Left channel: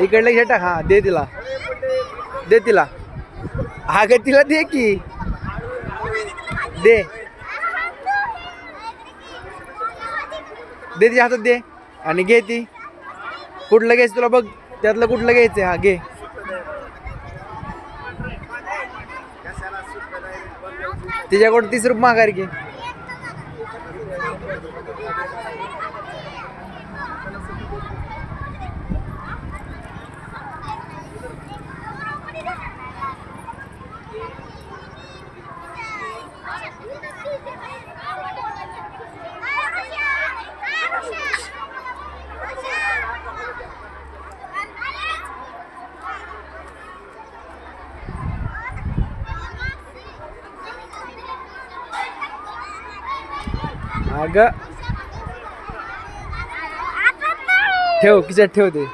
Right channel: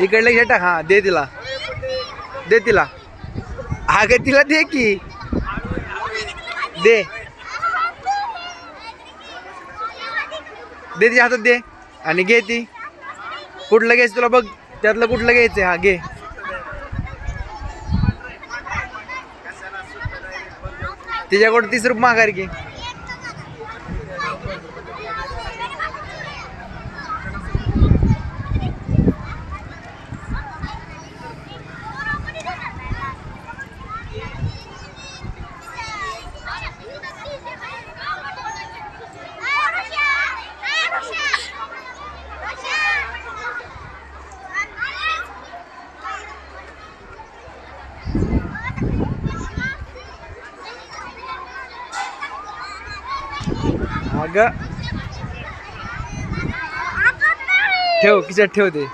इकडलं घे टाक. हा दे तिला, दे तिला. हा ग तिला दे की, दे दे तिच्या हातात दे. आणि घे ती. कुठलं घ्यायचं तुला बघ, त्यातलं कुठलं घ्यायचं. हा घे. तिच्याकडून 30 रुपये माघार घे. अगं ठेव, खिशात ठेव ते.